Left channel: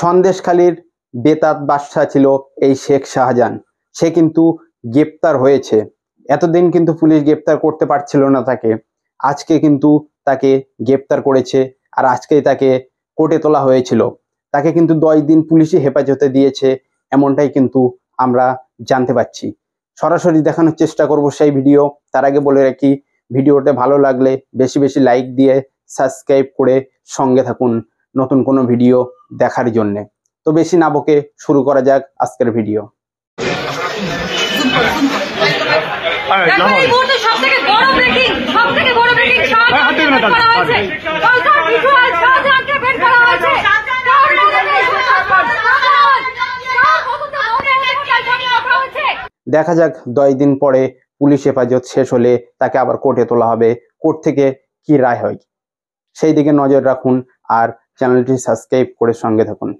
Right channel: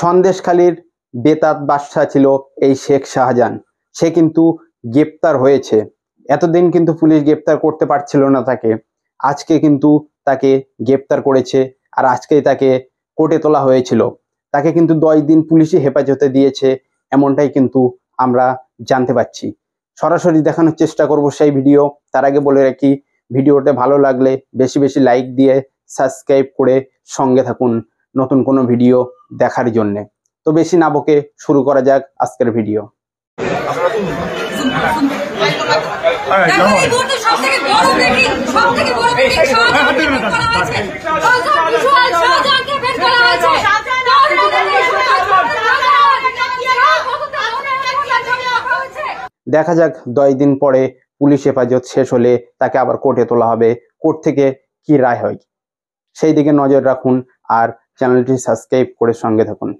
সন্দেশখালীর বেতাত বাদশা ছিল এই শেখ শাহজাহান। সে কিন্তু গ্রেপ্তার হয়েছে। এতদিন কিন্তু পুলিশ গ্রেপ্তার করতে পারছিল না তাকে। আজকে কিন্তু তাকে গ্রেপ্তার করেছে, আর আজকেই তাকে কোর্টে তোলা হয়েছিল। তাকে কিন্তু 10 দিন পুলিশি হেফাজতে দিয়েছে, এমনটাই কিন্তু আমরা জানতে পারছি। সরাসরি দেখানোর চেষ্টা করব সেই ভিডিও। তার আগে বলে রাখি, ভিডিওটা ভালো লাগলে বেশি বেশি লাইক দিয়ে সাবস্ক্রাইব করে সঙ্গে থাকুন নতুন কোনো ভিডিও দেখার জন্যে। তো বেশি না বকে শুরু করা যাক আজকের ভিডিও। দেখা যাক 10 দিন পরে পুলিশ হেফাজত শেষ হলে তাকে আবার কোর্টে তোলা হবে। কোর্ট থেকে কি রায় হয় সেই দিকে নজর রাখুন, আর চ্যানেলটি সাবস্ক্রাইব করে সঙ্গে থাকুন।